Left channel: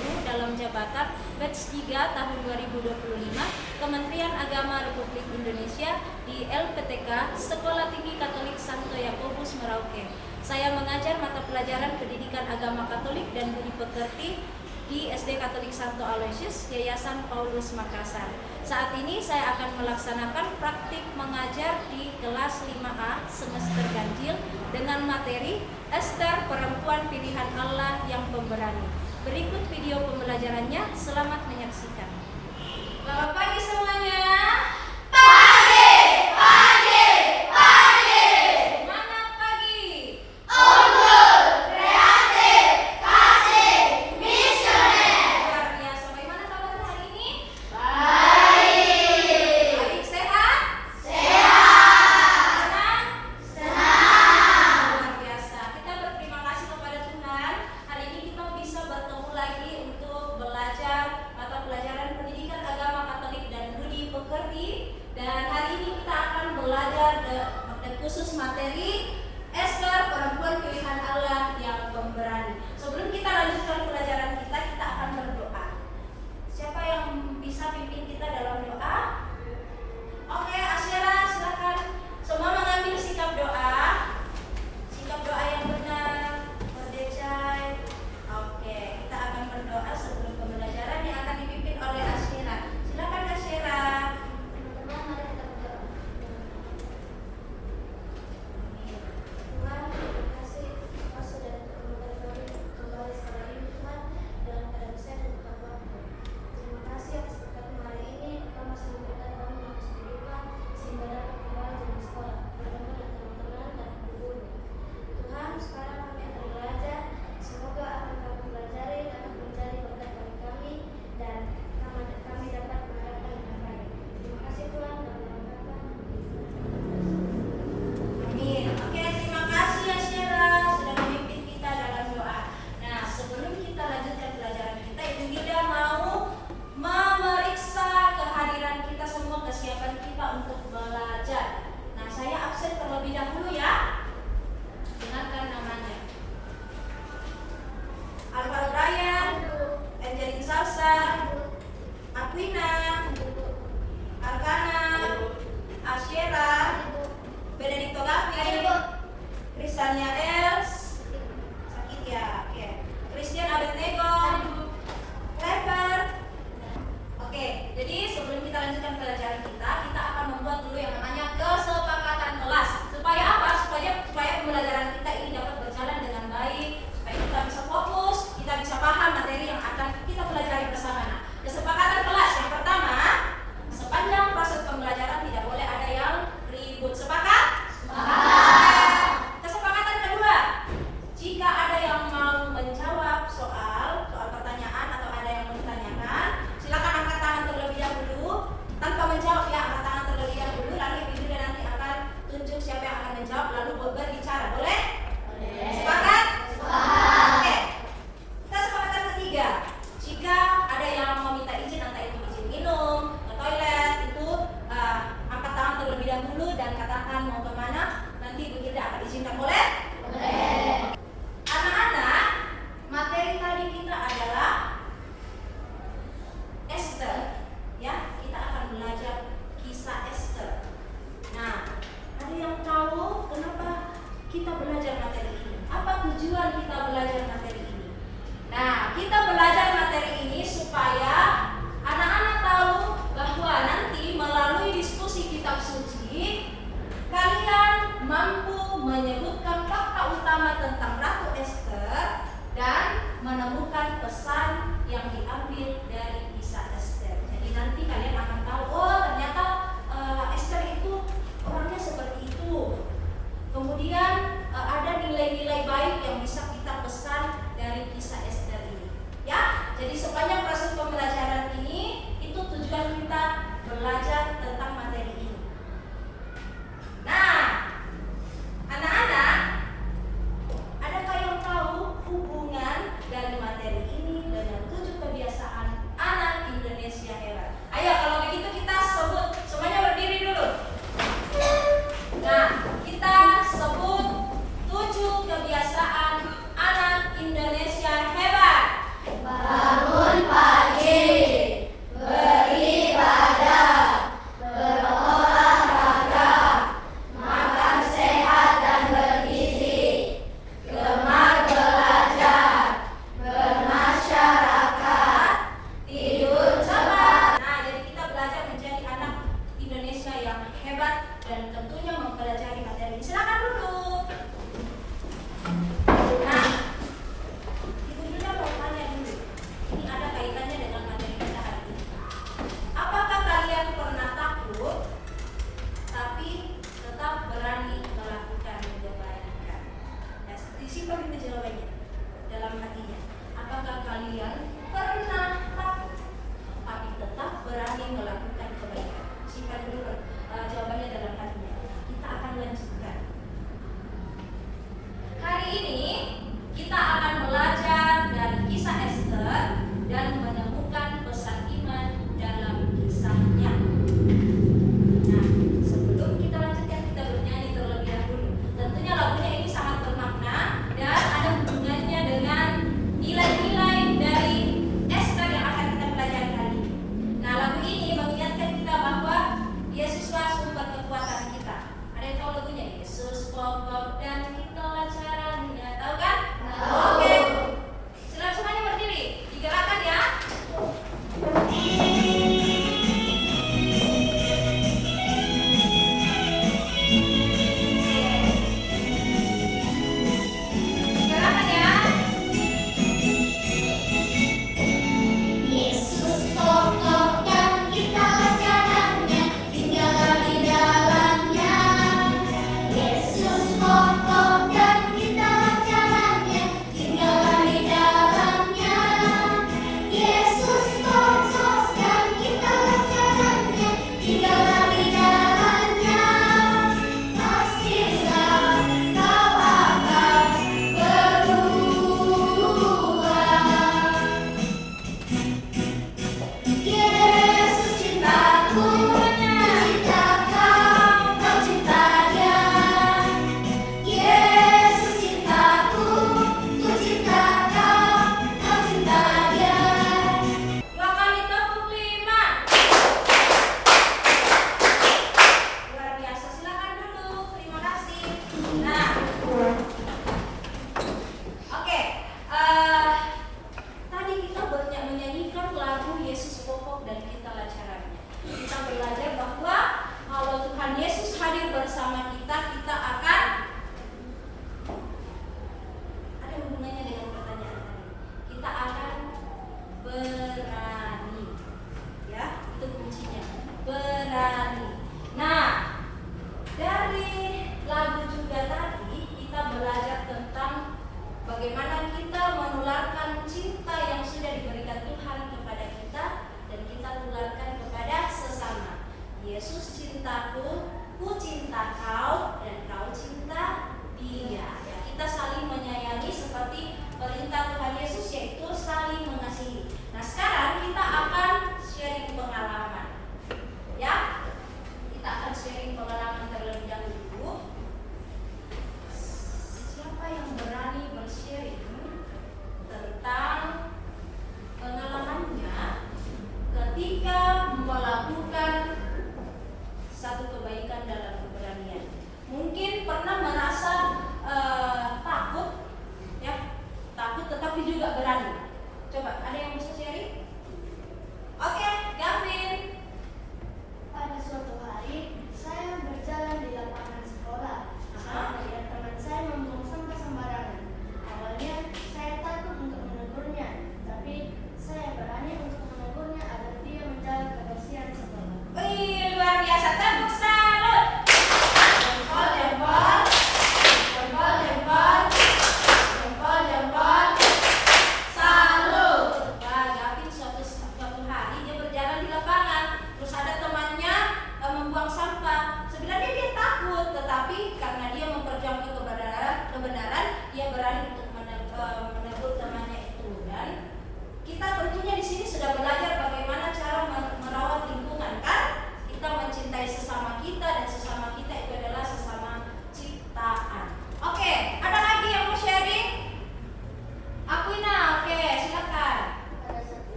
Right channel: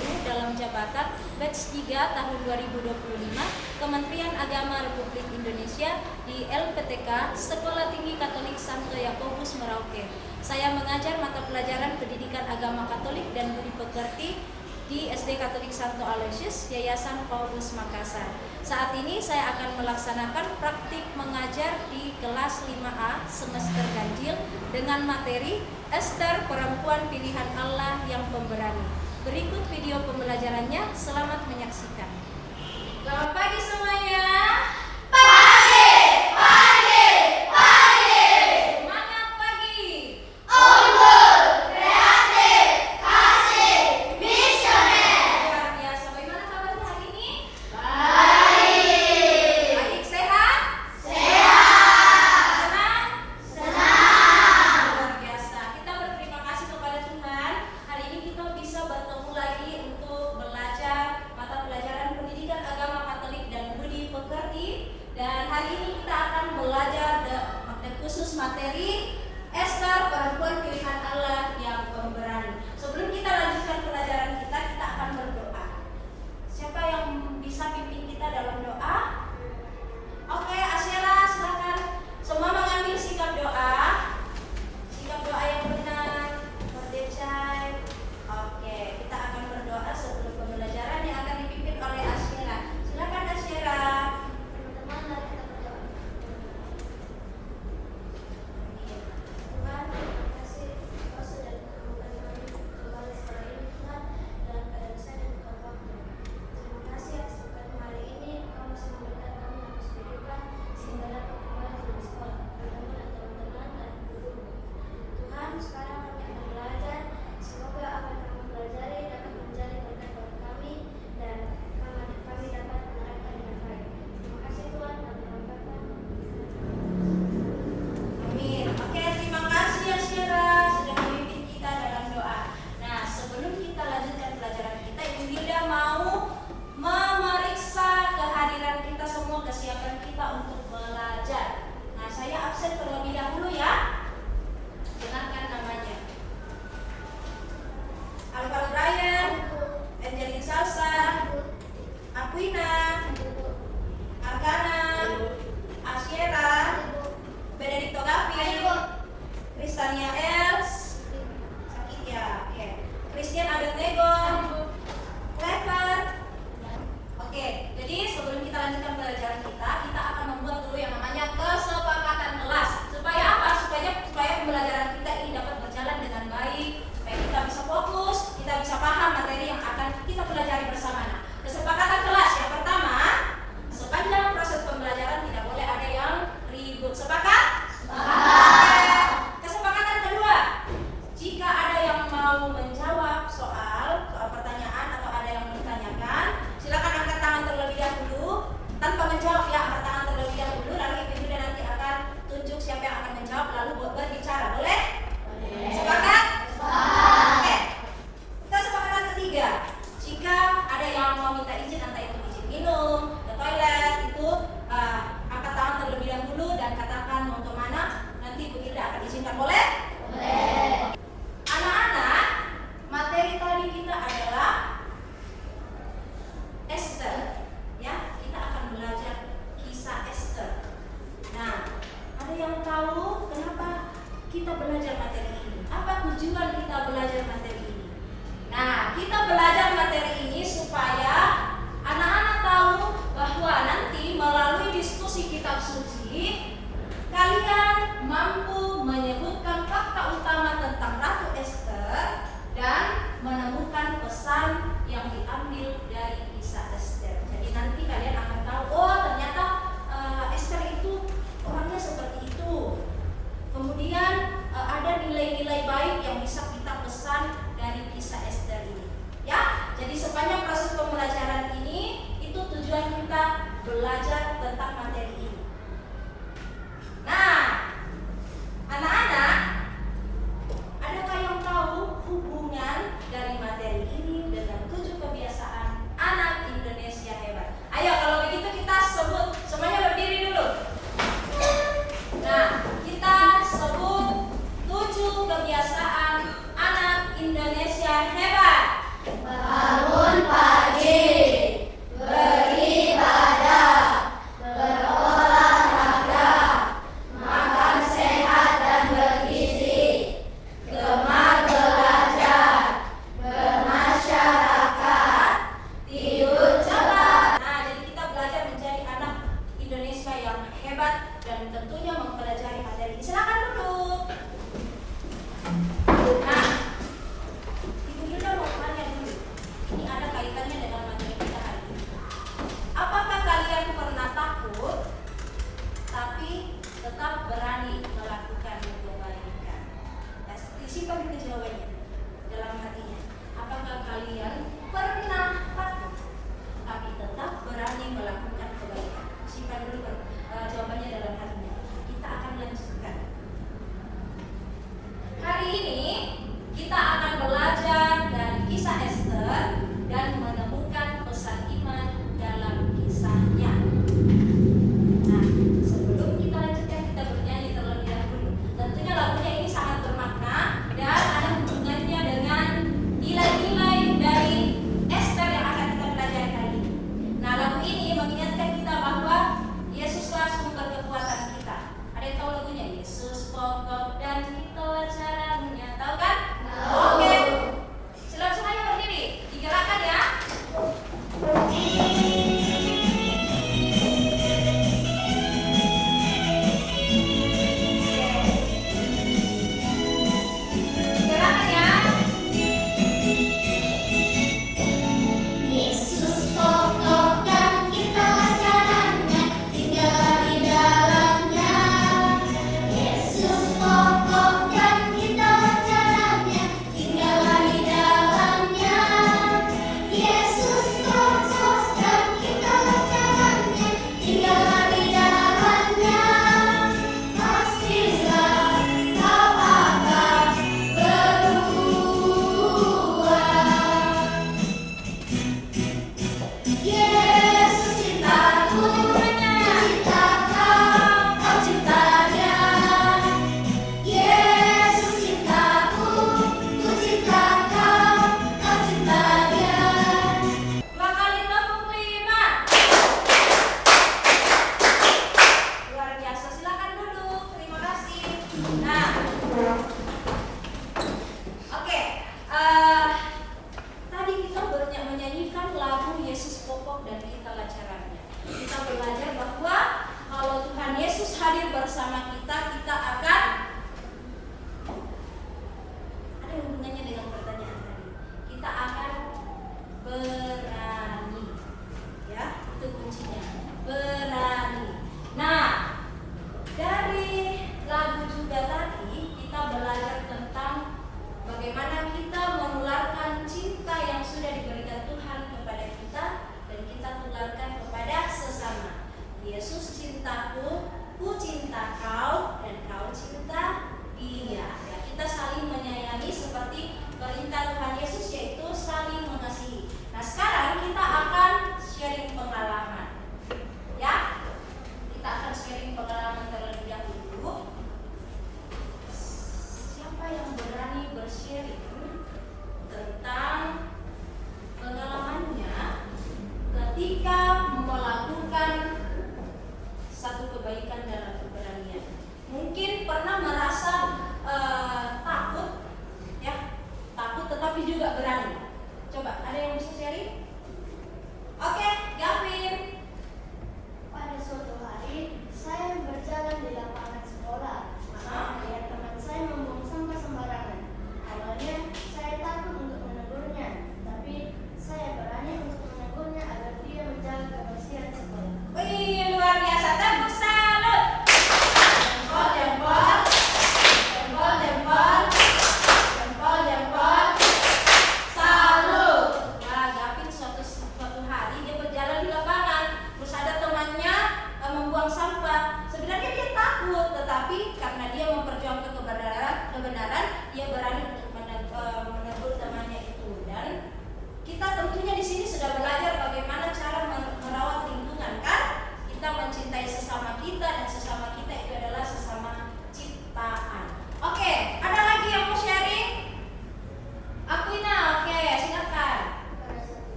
Ibu dalam jabatan Batch 3 tahun 2025 Kementerian Agama Republik Indonesia di LPTK Sekolah Tinggi Katolik Santo Yakobus Merauke. Saya mengajar mata pelajaran Pendidikan Agama Katolik dan Budi Pekerti di SD Katolik Santo Aloysius, Yayasan Paulus Makassar. Saat ini saya akan melaksanakan praktik mengajar di kelas 5A semester ganjil dengan materi Ester Perempuan Pilihan Allah yang Pemberani. Berikut video pembelajarannya, selamat menyaksikan. Selamat pagi semuanya. Dan hari ini kita akan belajar khusus materi Ester Perempuan Pilihan Allah yang Pemberani. Sebelum kita lanjutkan pelajaran kita akan berdoa. Siapa yang bisa pimpin kita dalam doa? Oke, Asyara silakan. Semua mengambil sikap doa. Sikap doa yang benar, berdecai. Oke, kita akan berdoa sebelum pembelajaran yang akan dipimpin oleh Asyara. Silakan Asyara. Kalian mampu menyebutkan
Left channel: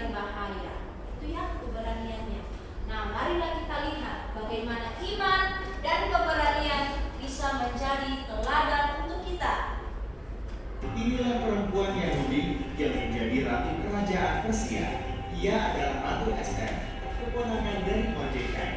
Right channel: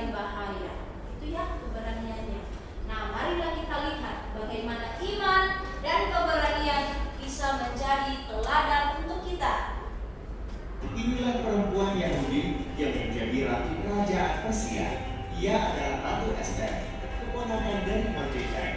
berani bahaya. Itu ya keberaniannya. Nah, marilah kita lihat bagaimana iman dan keberanian bisa menjadi teladan untuk kita. Inilah perempuan Yahudi yang menjadi ratu kerajaan Persia. Ia adalah Ratu Esther, keponakan dari Mordekai.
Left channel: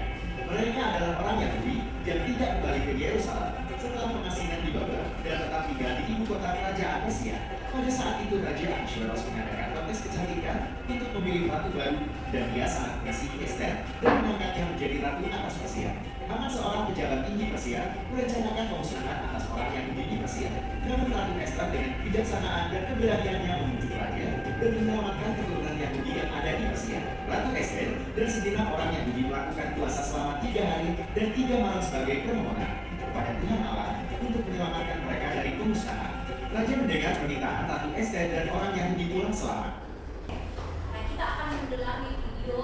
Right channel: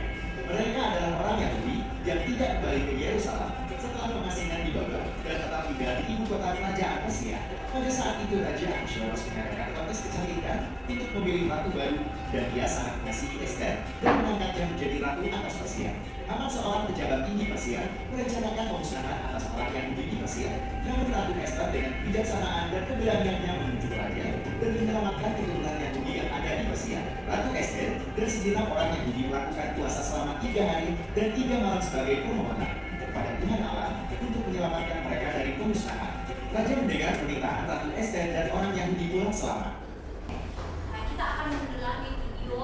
Mereka adalah orang Yahudi yang tidak kembali ke Yerusalem setelah pengasingan di Babel dan tetap tinggal di ibu kota kerajaan Persia. Pada saat itu Raja Ahasuerus mengadakan kontes kecantikan untuk memilih ratu baru, dan dia sangat mengasihi Esther dan mengangkatnya menjadi ratu atas Persia. Haman, seorang pejabat tinggi Persia, merencanakan pemusnahan atas orang Yahudi di Persia. Namun Ratu Esther dengan kebijaksanaan dan keberaniannya menuju raja dan menyelamatkan keturunan Yahudi yang ada di Persia. Ratu Esther dan segenap orang Yahudi melakukan puasa selama 3 hari dan 3 malam sebagai permohonan kepada Tuhan Allah untuk menyelamatkan mereka dari pemusnahan. Raja mendengar pernikahan Ratu Esther dan orang Yahudi pulang selamat. Nah, kita akan mendalami video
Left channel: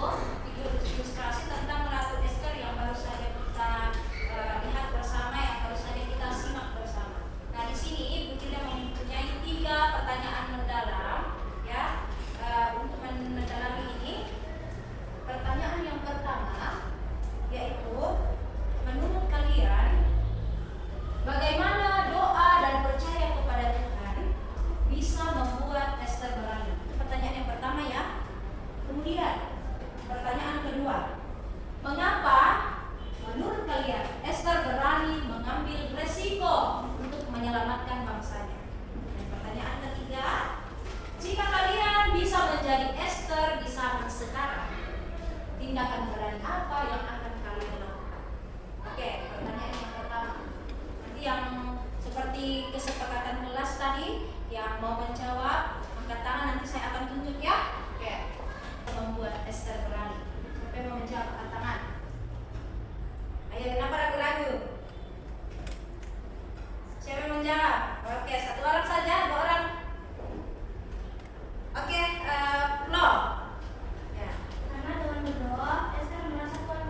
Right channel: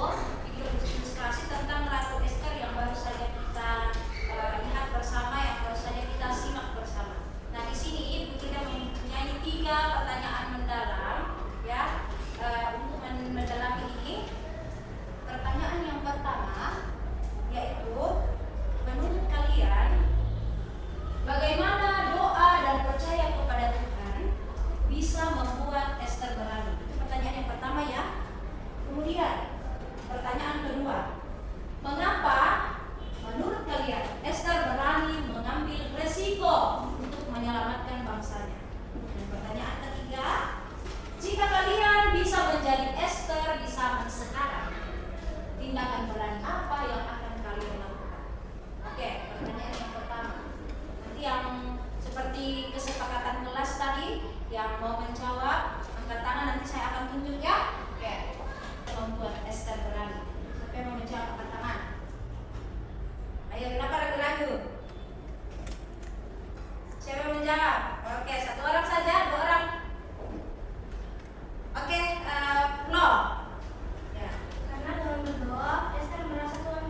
ilustrasi tentang Ratu Esther yang baru saja kita lihat bersama, yang baru saja kita simak bersama. Nah, di sini Ibu tidak mempunyai 3 pertanyaan mendalam ya untuk mendalami ini. Pertanyaan yang pertama yaitu, menurut kalian bagaimana doa dan percaya kepada Tuhan bisa membuat Esther berani? Pertanyaan yang pertama ya. Kemudian pertanyaan kedua, mengapa menurut kalian Esther berani mengambil resiko untuk menyelamatkan bangsanya? Dan pertanyaan ketiga, jika kalian bisa menjadi Esther di zaman sekarang, tindakan berani apa yang akan kalian lakukan? Oke, pertanyaan yang pertama. Nanti yang seperti kesepakatan kelas tadi, yang mau menjawab angkat tangan, nanti saya akan tunjuk ya. Oke, membuat Esther berani. Siapa yang mau menjawab angkat tangan? Ayo, kenapa ragu-ragu? Siapa yang menjawab? Oke, 1 orang saja, 2 orang. Oke, Lo. Ya. Karena dengan berdoa, Esther merasa Tuhan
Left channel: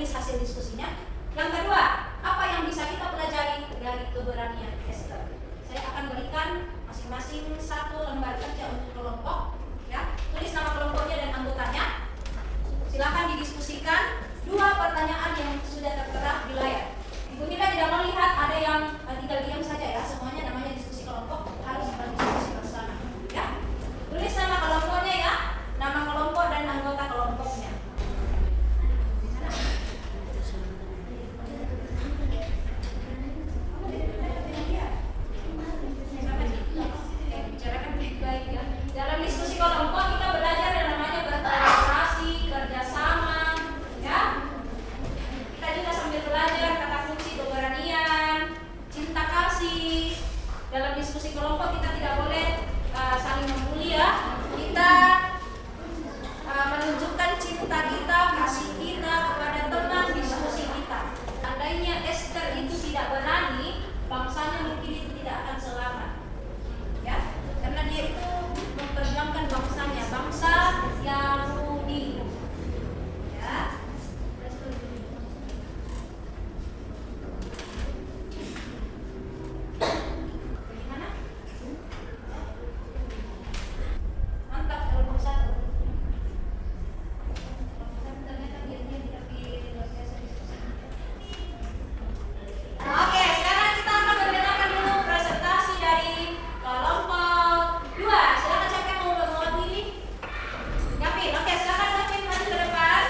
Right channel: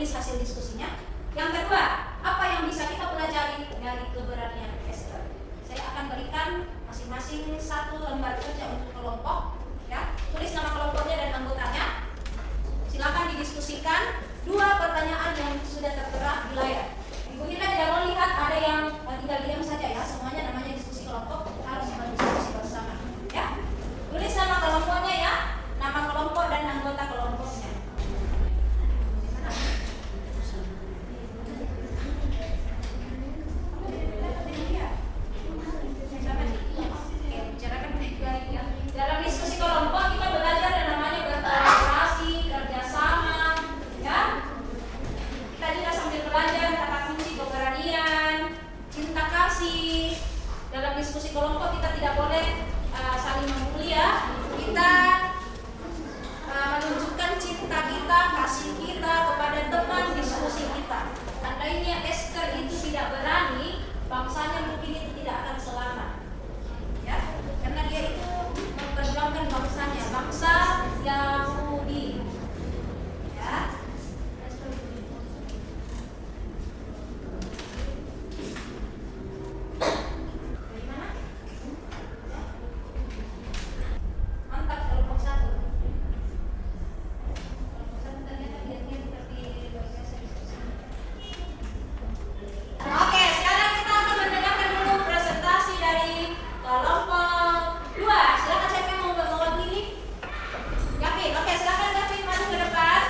tulis hasil diskusinya. Yang kedua, apa yang bisa kita pelajari dari keberanian Esther? Saya akan berikan masing-masing satu lembar kerja untuk kelompok, ya. Tulis nama kelompoknya dan anggotanya. Silakan didiskusikan 2 pertanyaan yang sudah tertera di layar. Ibu Hilda tidak mau lihat ada yang tinggal diam saja, ya. Semuanya namanya diskusi kelompok, harus berdiskusi bersama, ya. Tulis nama kelompoknya, ya. Nama kelompok dan anggota kelompoknya. Dalam diskusi kelompok kita belajar yang namanya berkolaborasi, kerjasama, ya. Kita juga sambil belajar kata kunci keberanian, cinta kasih. Dalam diskusi kelompok kita tidak boleh saling membuli, ya. Kita menunjukkan cinta kita, kasih kita kepada teman diskusi kita. Andainya Esther itu tidak berani, bangsanya mungkin itu tidak akan selamat, ya, karena dia itu memperjuangkan bangsanya, bangsa Yahudi, ya. Bagaimana? Mantap kalau bangsa ternyata dia tidak di luar biasa diskusinya. Oke, sekarang kita akan mendengarkan dulu presentasi dari kelompok 2. Silakan siapa yang mau mewakili? Gavin, oke, silakan Gavin maju ke depan.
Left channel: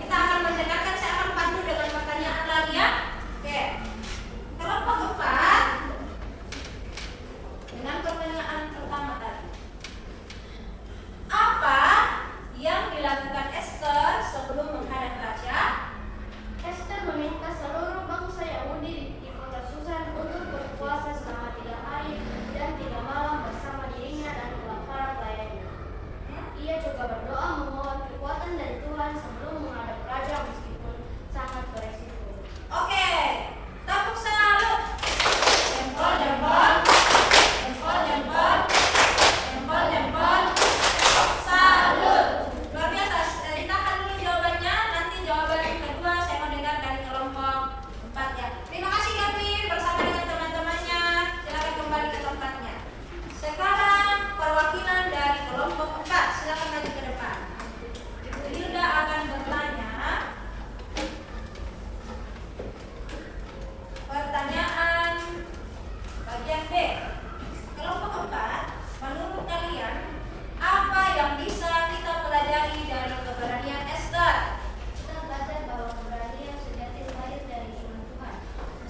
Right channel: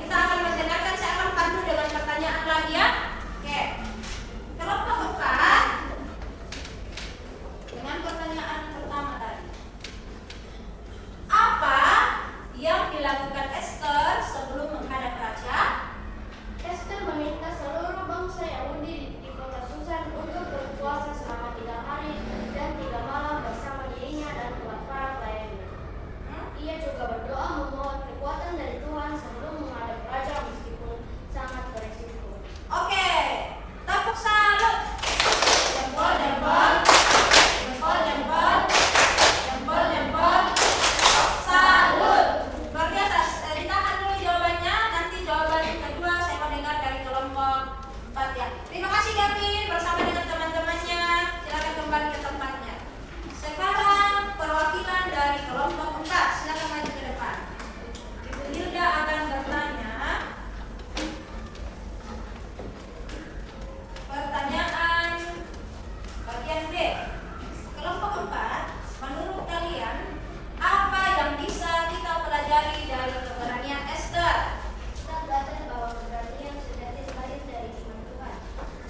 Kita akan mendengarkan, saya akan pandu dengan pertanyaan lagi, ya. Oke, kelompok 4 dengan pertanyaan pertama tadi. Apa yang dilakukan Esther sebelum menghadap raja? Esther meminta seluruh bangsa Yahudi di kota Susan untuk berpuasa selama 3 hari dan 3 malam bersama dirinya dan para pelayannya. Ia juga berdoa memohon kekuatan dari Tuhan sebelum menghadap raja meskipun sangat beresiko. Oke, tepuk salut. Jempol, jempol, jempol, jempol, jempol, jempol. Salut. Luar biasa. Ditahan dulu jawabannya. Nanti jawaban yang kedua saya mau dengar dari kelompok 4, ya. Terima kasih Gavin bersama dengan teman-temannya. Silakan kembali ke tempatnya. Sekarang perwakilan dari kelompok 4, silakan maju ke depan. Ibu Hilda akan bertanya. Pertanyaan bagian B. Kelompok 4, menurut kalian apa yang bisa kita pelajari dari keberanian Esther? Kita belajar bahwa keberanian sejati lahir dari iman Tuhan.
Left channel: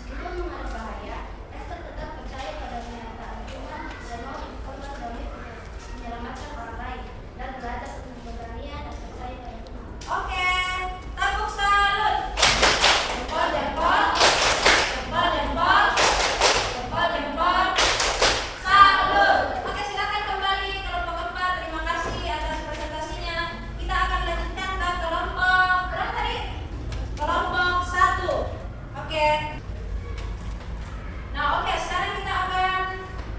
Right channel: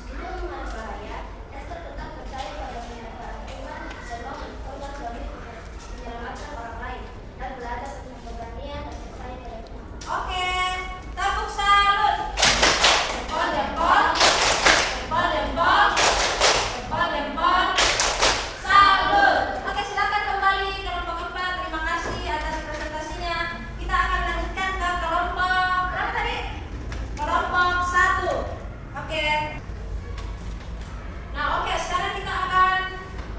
Sebelum menghadap bahaya, Esther tetap percaya pada kenyataan Tuhan memang korban sebagai menyelamatkan orang lain dan belajar untuk keberanian dan percaya pada Tuhan. Oke, tepuk salut. Jempol, jempol, jempol, jempol, jempol, jempol. Salut. Oke, silakan kembali kelompok 4. Terima kasih atas presentasinya. Kita akan lanjutkan ke kelompok berapa tadi? Kelompok 1. Oke. Nah, oke, sekarang kita akan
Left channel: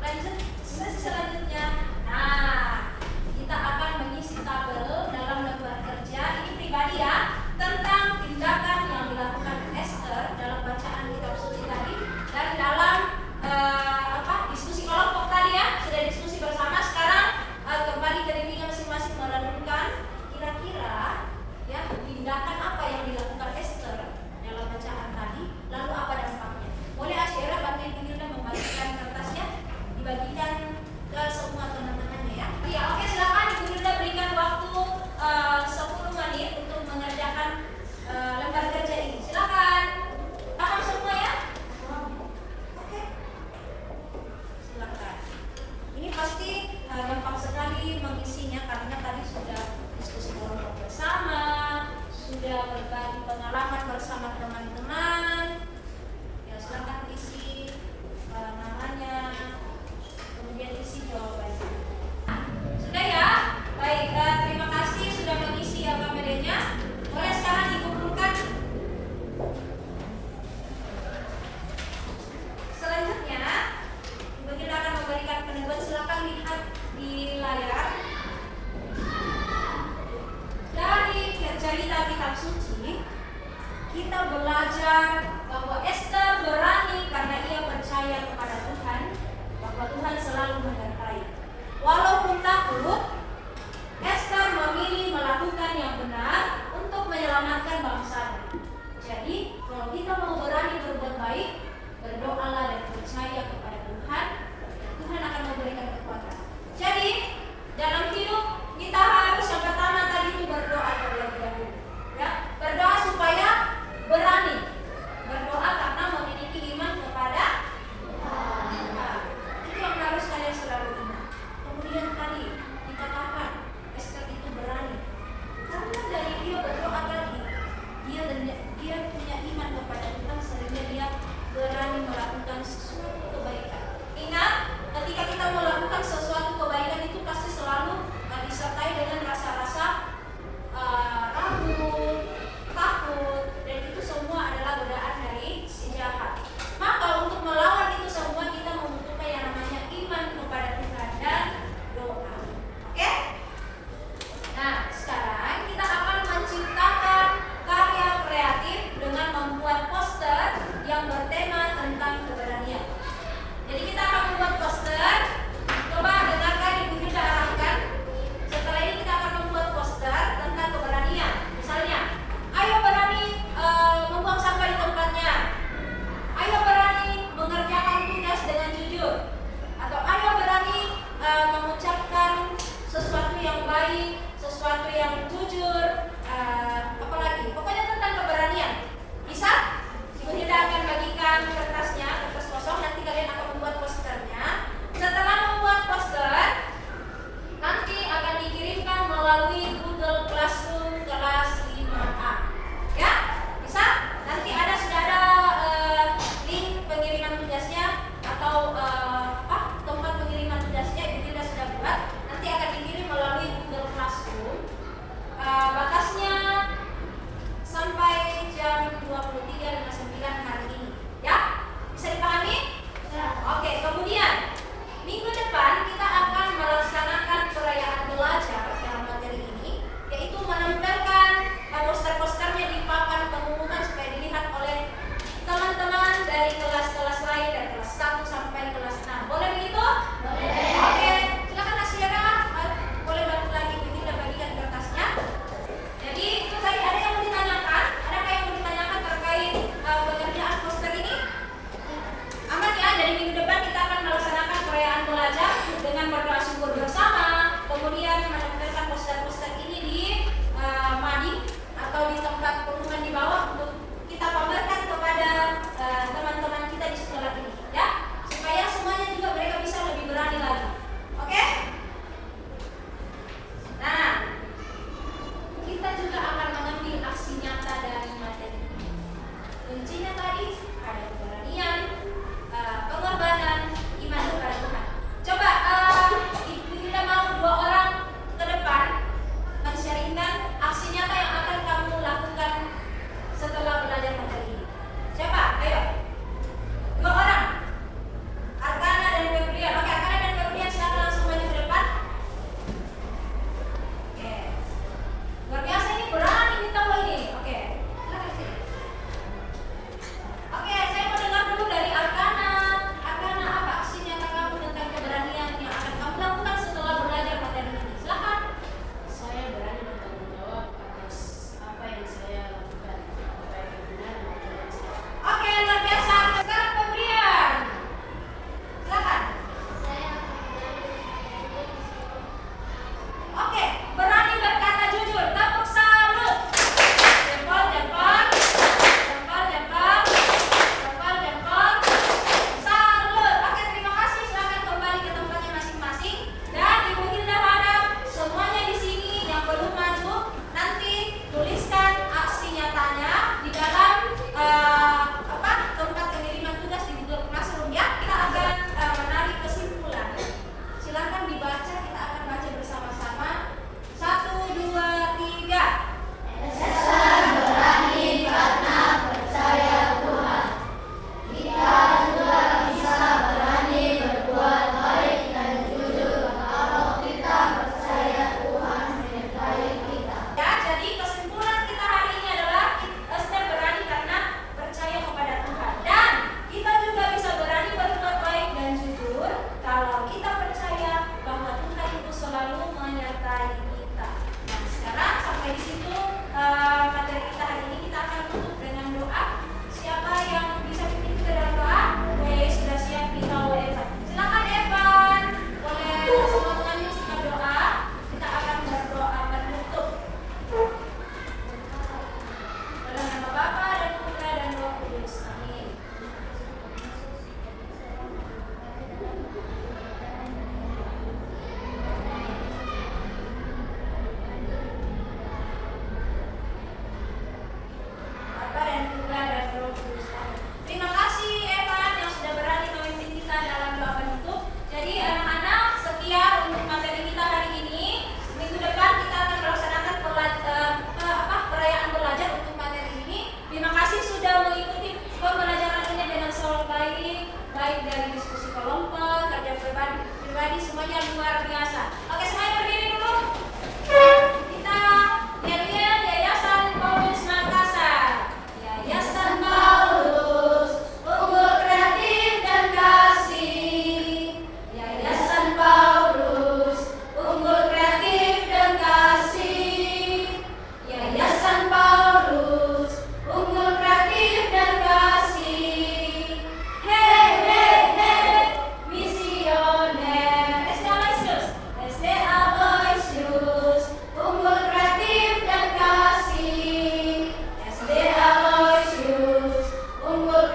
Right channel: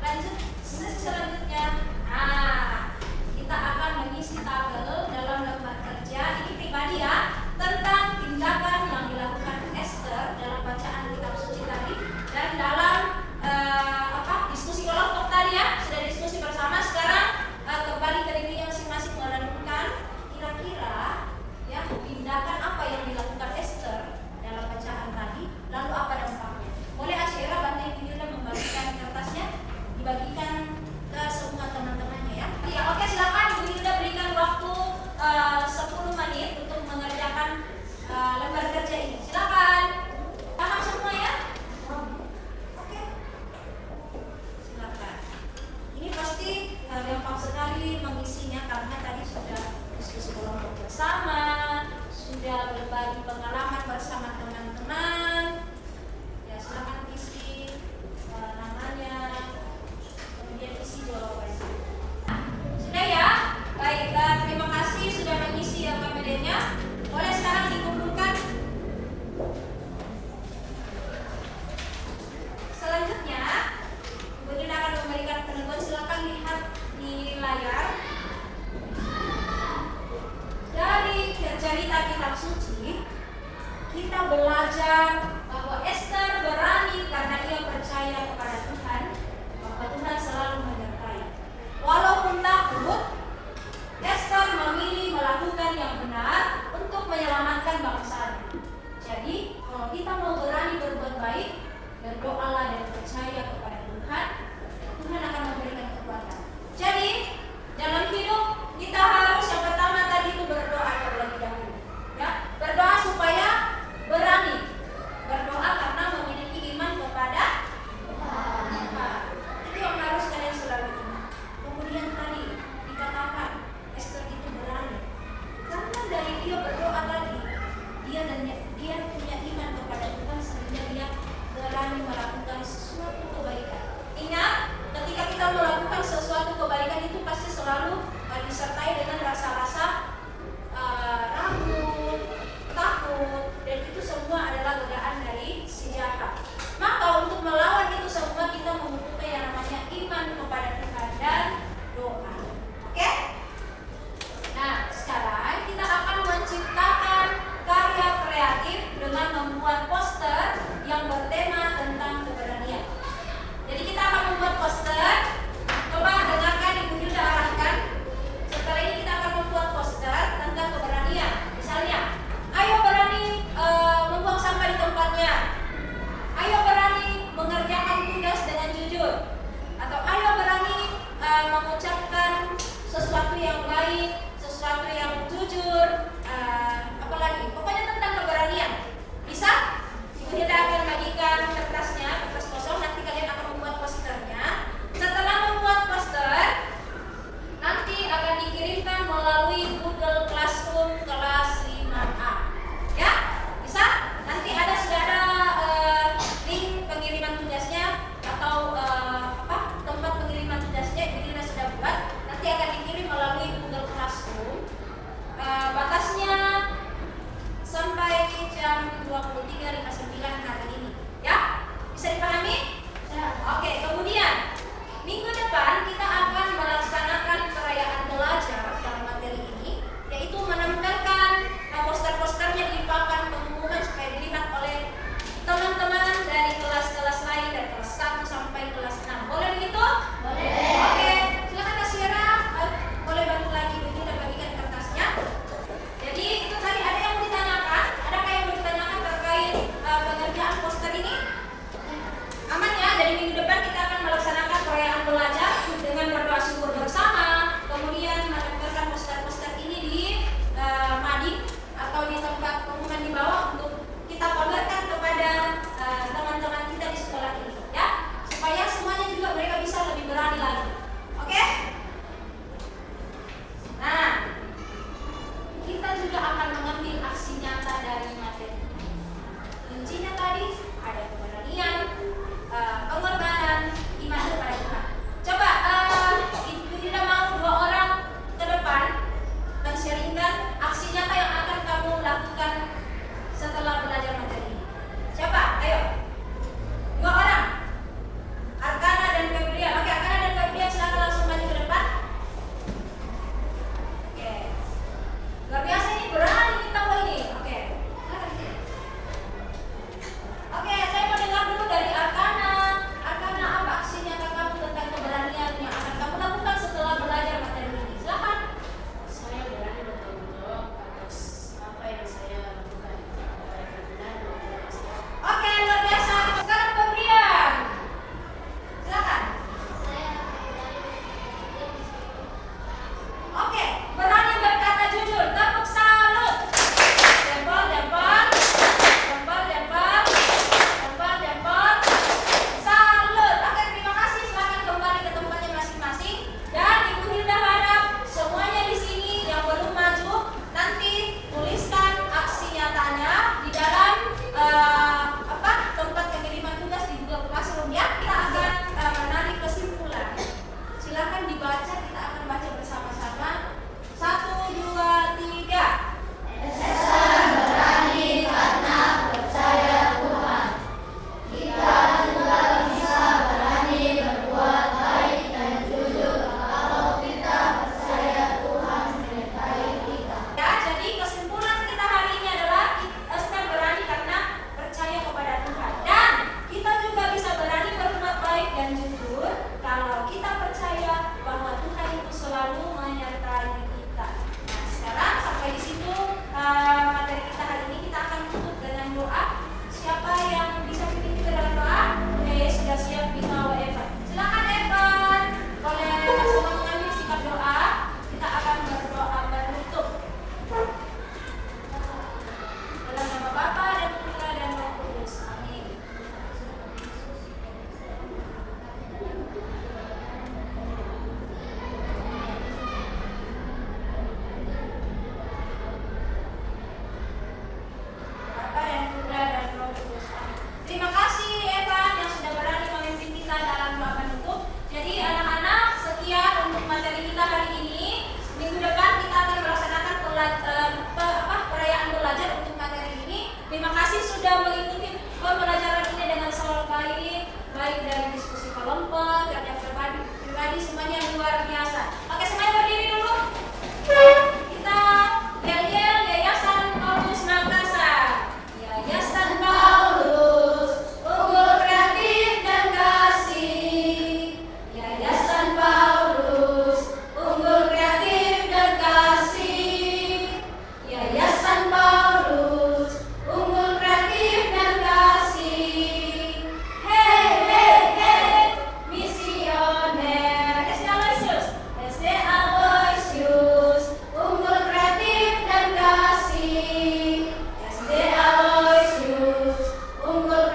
lanjut sesi selanjutnya. Nah, kita akan mengisi tabel dalam lembar kerja ini pribadi, ya, tentang tindakan yang dilakukan Esther dalam bacaan kitab suci tadi dan dalam diskusi kelompok tadi, ya. Sudah diskusi bersama. Sekarang kembali ke dirinya masing-masing merenungkan kira-kira, ya, tindakan apa yang dilakukan Esther dalam bacaan tadi, lalu apa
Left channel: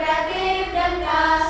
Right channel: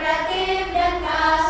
kreatif dan kasih.